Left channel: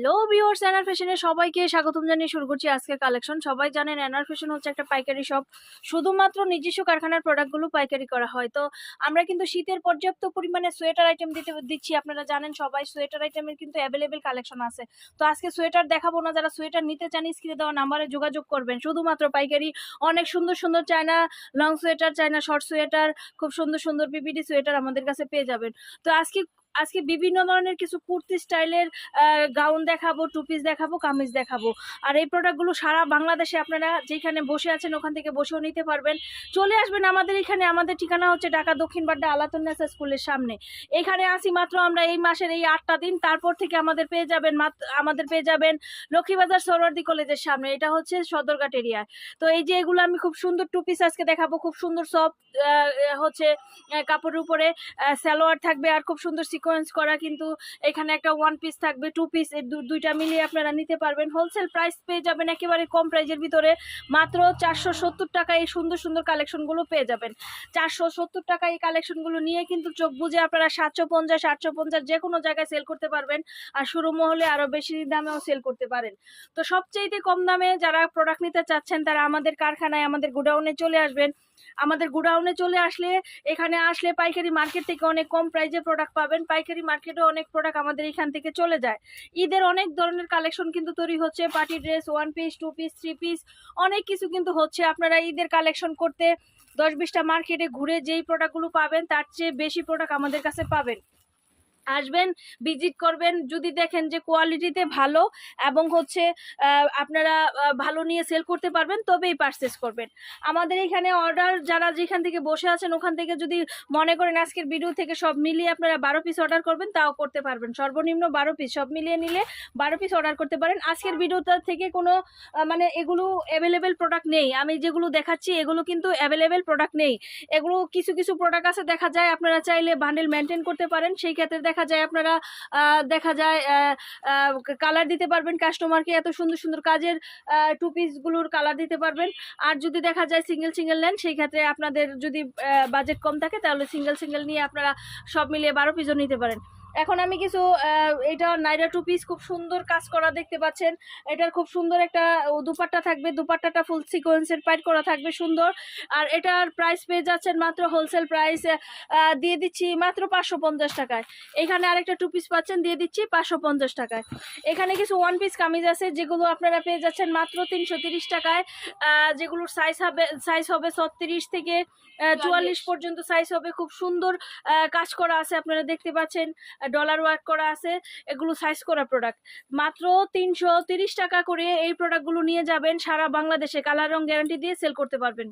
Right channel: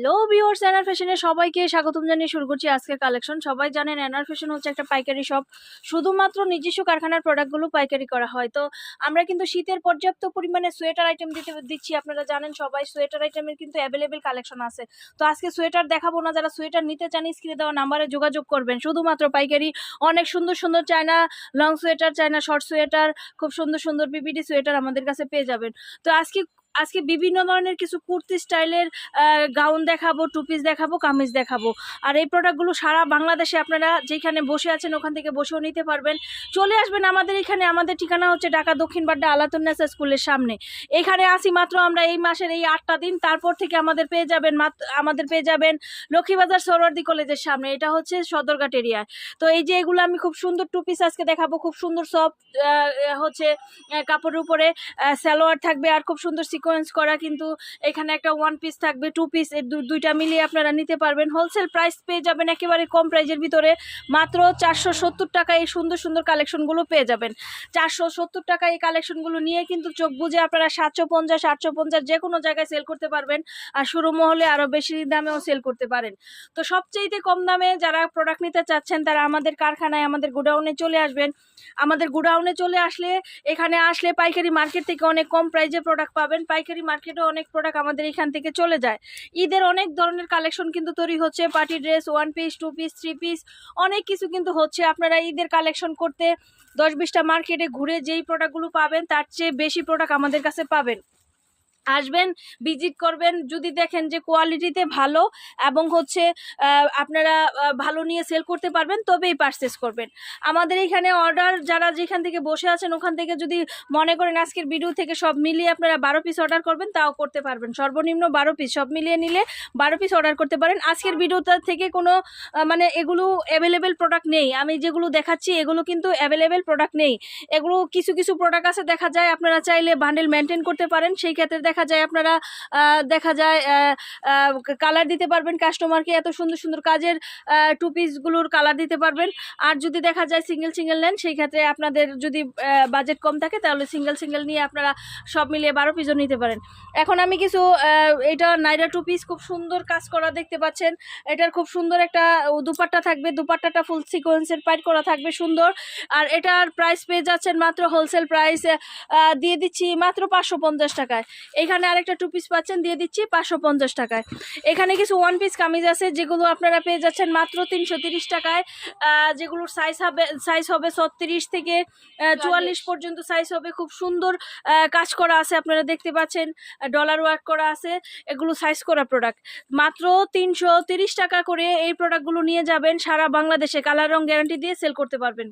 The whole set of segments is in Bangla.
হ্যালো ভিউয়ার্স এনার ফ্যাশনে সবাইকে স্বাগতম জানিয়ে শুরু করছি আজকের কালেকশন সবাই জানেন এনআর ফ্যাশন হচ্ছে একটা পাইকারি শপ শুধুমাত্র নিজস্ব কারখানার প্রোডাক্টগুলো পাইকারি করা হয়। তো আমরা কিন্তু শীতের পর্যাপ্ত পরিমাণে সোয়েটার আইটেম দিতে, দিচ্ছি। আপনারা জানেন, সবাই সোয়েটার আইটেমের কিন্তু অ্যাভেলেবেল কালেকশন আছে। তো আজকে সোয়েটার দেখাবো না। যারা সোয়েটার নিতে চান স্ক্রিনে দেওয়া নাম্বারে যোগাযোগ করবেন। শুধুমাত্র পাইকারি। অনেক সুন্দর সুন্দর China long sweater China short sweater খুব সুন্দর সুন্দর বিবিডি সোয়েটার আমাদের কাছে পেয়ে যাবেন। তো আজকে আজকে বিভিন্ন ধরনের কিছু কুর্তি স্টাইলের গাউন দেখাবো টু পিস দেখাবো, কামিজ দেখাবো। আর এই প্রোডাক্টগুলো সারা বাংলাদেশে আপনারা যেখানে বসে আছেন ওখান থেকে বসেও নিতে পারবেন। চলে আসবেন আমাদের এখানে, আমাদের ঠিকানা হচ্ছে ঢাকা দক্ষিণ বাড্ডা আলাতুন্নেসা স্কুলের সামনে। এখানে আসি মাত্র আমরা এই মাসের এই আটটা দিন, তারপর থেকে আমাদের পেয়ে যাবেন আমাদের পেয়ে যাবেন লক্ষ্মীবাজার সরোয়ার্দি কলেজের সামনে। এটা হচ্ছে সদরঘাট এরিয়ায় তো এই যে এগুলো আমি খুব সুন্দর টু পিস আজকে দেখাবো, খুব সুন্দর সব হচ্ছে কাপড়ের উপরে সালোয়ার থাকবে আর খুব সুন্দর সিকোয়েন্স করা কিন্তু এখানে একটা ওয়ান পিস থাকবে টু পিস দুইটা মিলিয়ে আপনারা নিতে পারবেন। হোলসেল প্রাইস পেয়ে যাবেন একেবারে কম প্রাইজের ভিতরে। মাত্র চারশো সত্তর টাকা এই সুন্দর সুন্দর কালেকশনগুলো পেয়ে যাবেন। চারশো সত্তর টাকা এই কালেকশনগুলো নিয়ে কিন্তু চোখ বুঝে আপনারা সাতশো পঞ্চাশ, আটশো পঞ্চাশ যে কোনো জায়গায় সেল করতে পারবেন আর শুরু মহলে আরও বেশি দামেও সেল করতে পারেন। তো সবচেয়েতে কম দামে যারা প্রোডাক্ট নিতে চাচ্ছেন, তারা আমাদের কারখানায়, আমাদের গোডাউনে চলে আসবেন। আমাদের গোডাউনে চলে আসলে, এখানে আসলে পাইকারি মার্কেট থেকে অনেক কম প্রাইজে প্রোডাক্ট পাবেন। পাইকারি মার্কেটে অনেক প্রোডাক্ট আমাদের এখান থেকে চলে যায়। ঈদের অনেক ধরনের কালেকশন কিন্তু তৈরি হচ্ছে party dress one piece two piece three piece অনেক কিছু কিন্তু হচ্ছে। আপনারা ঈদের কালেকশন করতে দশ বিশটা মার্কেটে ঘুরে যেই প্রোডাক্টগুলো পাবেন, তার চেয়ে বেশি প্রোডাক্ট আমাদের কাছে পাবেন। আসবেন ভিজিট করবেন, যদি দেখেন যে কোয়ালিটিতে ভালো এবং হচ্ছে আপনারা ভালো নিয়ে সেল করতে পারবেন, তবেই পারচেস করবেন। আমাদের এখানে অর্ডার যারা যেখান থেকে বসে আছেন, ওখান থেকে যদি মনে করেন আজকের ভিডিও থেকে সব মিলিয়ে আপনারা বারো পিস অর্ডার করবেন, তাও করতে পারবেন। সর্বনিম্ন বারো পিস সব মিলিয়ে নিলে বারো পিস অর্ডার করতে পারেন। আজকের ভিডিওটা থেকে কোনো মানে এগুলো অ্যাভেলেবেল প্রোডাক্ট নেই। আমি যেগুলো দেখাচ্ছি, এগুলো কিন্তু অ্যাভেলেবেল প্রোডাক্ট নেই। এগুলো কিছু কিছু প্রোডাক্ট আছে, দেখা যায় আপনারা চাইলে বান্ডেল মেনটেন করতে পারেন, সেই ক্ষেত্রে দেখা যায় আপনারা দেখা যায় কালার দিতে পারবেন কাস্টমারকে এত সুন্দর সুন্দর কাজের টু পিসগুলোর কালার দিতে পারবেন। আর যদি দেখা যায় সিঙ্গেল সিঙ্গেল নেন, সেই ক্ষেত্রে আপনাদের যদি বাজেট কম থাকে, তাহলে সিঙ্গেল সিঙ্গেল নিয়ে আপনারা সব মিলিয়ে বারো পিসও নিতে পারেন। এখন আমি কিছু এটা নাইরা টু পিস খুব সুন্দর কাজ করা দেখতে পাচ্ছেন। এটার খুব সুন্দর একটা দুপাট্টা থাকবে। দুপাট্টাটা ফুল সিকোয়েন্সের পাইট করা থাকবে সুন্দর। আর এটার প্রাইস পেয়ে যাচ্ছেন মাত্র হোলসেল প্রাইস দিয়ে দিচ্ছি মাত্র পাঁচশো পঞ্চাশ টাকায়। এখানে আরেকটা টু পিস পাচ্ছেন দিয়ে দিচ্ছি পাঁচশো পঞ্চাশ টাকায়। এখানে কিছু ওয়ান পিস কামিজ আছে যেগুলো আপনারা পেয়ে যাচ্ছেন মাত্র তিনশো তিরিশ টাকায়। যেগুলোর সাইজ হবে সাইজ হবে ছত্রিশ থেকে চুয়াল্লিশ। পর্যন্ত সাইজ হবে। খুব সুন্দর কাজ করা আছে আপনারা দেখতে পাচ্ছেন। ডলার ওয়ার্ক করা আছে এগুলো সাইজ করা প্রোডাক্ট মাত্র তিনশো তিরিশ টাকা করে এই প্রোডাক্টগুলো নিয়ে যাবেন সারা বাংলাদেশে। কালার রং গ্যারান্টি দিয়ে সেল করতে পারবেন।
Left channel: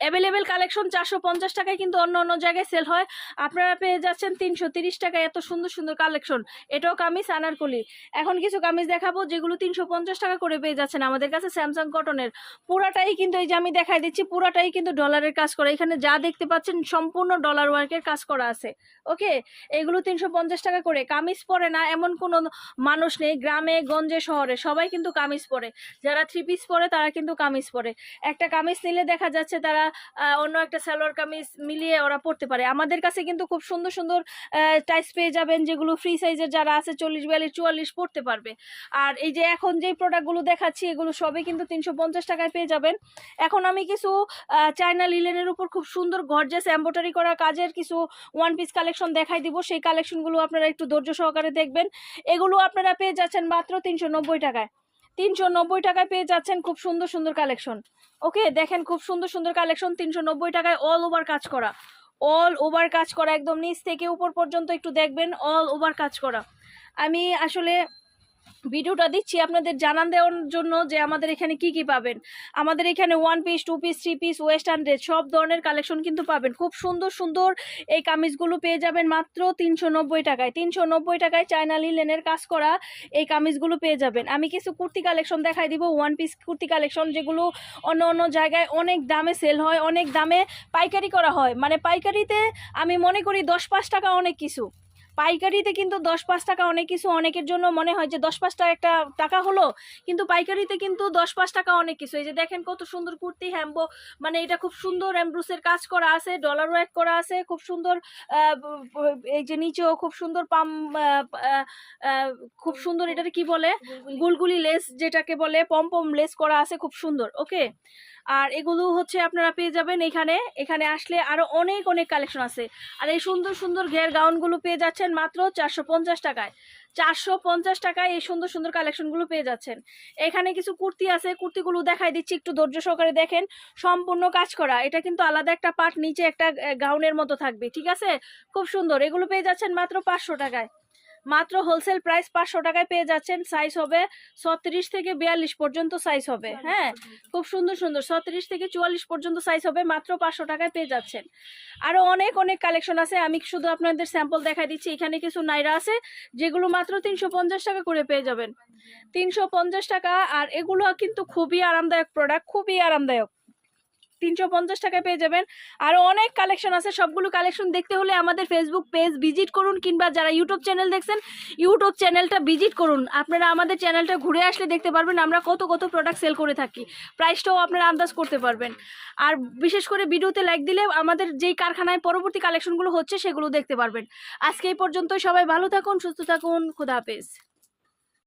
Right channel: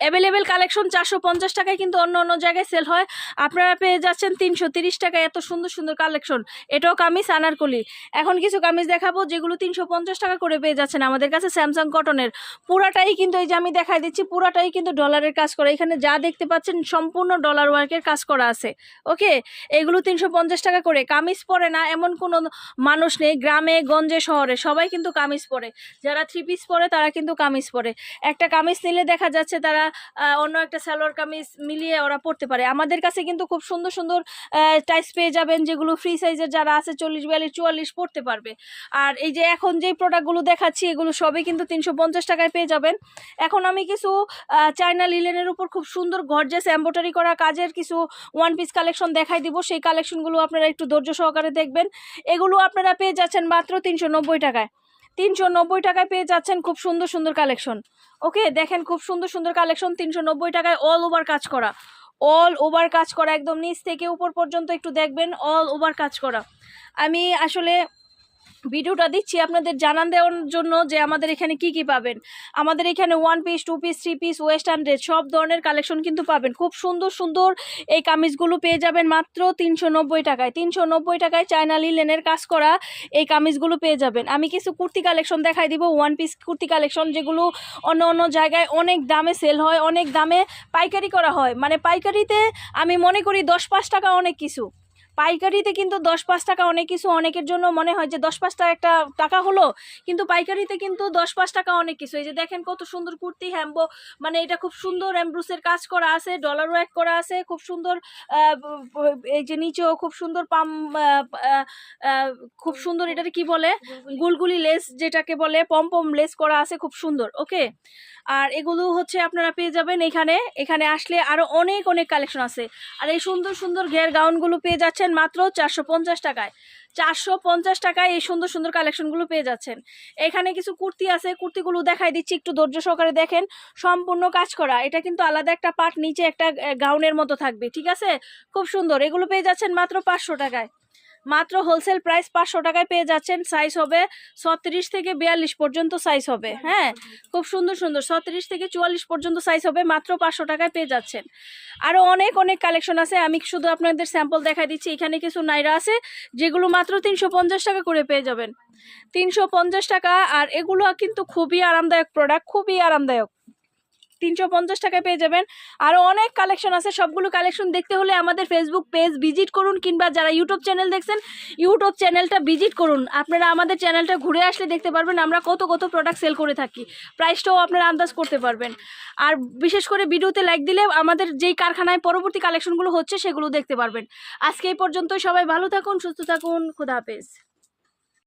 অ্যাভেলেবেল কালেকশন চারশো পঞ্চাশ টাকায় কিন্তু অন্য অন্য জায়গায় সেল হয়। আপনারা পেয়ে যাচ্ছেন তিনশো তিরিশ টাকায় এত সুন্দর সুন্দর কালেকশন এটাও কামিজ, আনারকলি। এখন কিছু কামিজ দেখাবো যেগুলো তিনশো পঞ্চাশ টাকা করে পেয়ে যাচ্ছেন আমাদের কাছে স্যামসাং কটনের পুরাটাই কিন্তু এই যে আমি দেখাই দিচ্ছি, পুরাটাই কিন্তু ডলারের কাজ করা। এখানে যা দেখতে পাচ্ছেন সম্পূর্ণ ডলার ওয়ার্কের কাজ করা আছে। ওকে এগুলো তিনশো পঞ্চাশ টাকা করে। কামিজ পরে না, এমন কোনো মানুষ নেই গ্রামে, গঞ্জে, শহরে সবাই কিন্তু কামিজ পরে। যারা থ্রি পিস পরে তারা কিন্তু কামিজ পরে। একটা কামিজ নিলে দেখা যাচ্ছে তারা অন্য একটা সালোয়ার কামিজ মিলিয়ে ওরা পরতে পারে। আমাদের কাছে কিন্তু খুব সুন্দর সুন্দর টাইস পেয়ে যাবেন, যেগুলো ফ্রি সাইজের যারা আছে, চল্লিশ, বিয়াল্লিশ, চুয়াল্লিশ পড়তে পারবে। আর এই যে এখন যেই প্রোডাক্টগুলো দেখাচ্ছি, এগুলো সবই কিন্তু তিনশো পঞ্চাশ টাকায় পেয়ে যাবেন। এখন আমি কিছু চায়না লিলেনের উপর খুব সুন্দর গর্জেস এম্ব্রয়ডারি করা কাজের কিছু ওয়ান পিস কালেকশন দেখাই দিব। সেই কালেকশনগুলো আপনারা একটু ধৈর্য সহকারে দেখবেন। এগুলো আপনারা পেয়ে যাচ্ছেন মাত্র তিনশো নব্বই টাকায়। তিনশো নব্বই টাকায় পেয়ে যাচ্ছেন খুব সুন্দর সুন্দর কালেকশন ওকে, দেখেন খুব সুন্দর সুন্দর কালেকশন তিনশো নব্বই টাকায় অল ওভার কাজ করা। অল ওভার কাজ করা, একদম নিচ থেকে উপর পর্যন্ত একটু দেখবেন অল ওভার কাজ করা। আমি আসলে ভিডিওটা দিচ্ছি আপনাদের জানান দেওয়ার জন্য যে আমাদের এখানে কি কি পাবেন। আমাদের এখানে one piece two piece three piece western dress সব ধরনের কালেকশন কিন্তু পাবেন। খুব সুন্দর সুন্দর এই কামিজগুলো পেয়ে যাবেন মাত্র তিনশো নব্বই টাকায়। তিনশো নব্বই টাকায় চায়না লিলেনের কাজ করা এই কামিজগুলো পেয়ে যাবেন। আমি কিছু কুর্তি কালেকশন দেখাই দিব। ওয়ান পিস কুর্তি কালেকশন যেগুলো অন্য অন্য জায়গায় অনেক দামে সেল হয়, অনেক দামে পাইকারি করা হয়। মানে পাইকারিতে আমি মনে করি দশ পাঁচ টাকা অনেক কিছু। পাইকারিতে কিন্তু দশ পাঁচ টাকা অনেক কিছু অনেকের জন্য মনে হয় যে দশ পাঁচ টাকা একটা টাকা হলো কিন্তু পাইকারিতে কিন্তু দশ পাঁচ টাকা অনেক কিছু। এই যে দেখেন কত সুন্দর কুর্তি হ্যাম্বো মানে এটা খুব সুন্দর অ্যাম্ব্রুসের কাজ করা আছে ডলার ওয়ার্ক করা আছে খুব সুন্দর এই যে নিচেও খুব সুন্দর পাম খুব সুন্দর এটাকে কি বলে? গুলগুলি। লেস যেটাকে বলে পম পম লেস করা আছে খুব সুন্দর ওকে আর এগুলো হচ্ছে আপনারা পেয়ে যাবেন এখানে। এখানে আসলে আরও অনেক অনেক কালেকশন আছে। আর এই সুন্দর সুন্দর ঘের গাউনগুলো পেয়ে যাচ্ছেন মাত্র চারশো পঞ্চাশ টাকায়। চারশো পঞ্চাশ টাকায় এই সুন্দর সুন্দর কালেকশনগুলো পেয়ে যাচ্ছেন। এখানে কিছু কুর্তি আছে, কুর্তিগুলো দেখাই দিচ্ছি, একটু ধৈর্য সহকারে দেখেন। সম্পূর্ণ কাজ করা। এটা কিন্তু আলাদা একটা পার্ট নিচে একটা গাউনের মতো থাকবে, ঠিক আছে? খুব সুন্দর। এগুলো পেয়ে যাচ্ছেন মাত্র পাঁচশো টাকায়। মাত্র হোলসেল প্রাইস পাঁচশো টাকায় পেয়ে যাচ্ছেন সাইজ হবে ছত্রিশ থেকে বিয়াল্লিশ পর্যন্ত সাইজ হবে হ্যাঁ? খুব সুন্দর সুন্দর ছত্রিশ থেকে চুয়াল্লিশ পর্যন্ত সাইজ হবে মাত্র পাঁচশো টাকায় পেয়ে যাচ্ছেন। আরও অনেক অনেক কালেকশন আছে আমি শুধু আপনাদের স্যাম্পল দেখা দিচ্ছি এখানে কিছু নাইরা আছে যেগুলো মাত্র তিনশো পঞ্চাশ টাকা করে পেয়ে যাবেন। তিনশো পঞ্চাশ টাকা আর এগুলো কিন্তু খুবই আরামদায়ক প্রোডাক্ট খুবই আরামদায়ক। তিনশো পঞ্চাশ টাকায় পেয়ে যাবেন। আরও অনেক কালেকশন আছে। সবগুলো কালেকশন দেখতে হলে আমাদের ফেসবুক পেজ ভিজিট করুন কিংবা যারা ইউটিউব চ্যানেল দেখছেন ইউটিউব চ্যানেলটা ভিজিট করুন। আপনারা আমাদের চ্যানেলটা ঘুরে আসলে দেখতে পারবেন আমরা কত কত প্রোডাক্ট সেল করে থাকি। প্রাইসটাও আপনারা আন্দাজ করতে পারবেন। আর বিশেষ করে ভিডিওতে লাইক দিলে আমাদের যেই কারখানায় পরবর্তী কালেকশনগুলো হচ্ছে সেগুলো দেখতে পারবেন। আজকে এই পর্যন্ত সবাই ভালো থাকুন, সুস্থ থাকুন। খুদা হাফেজ।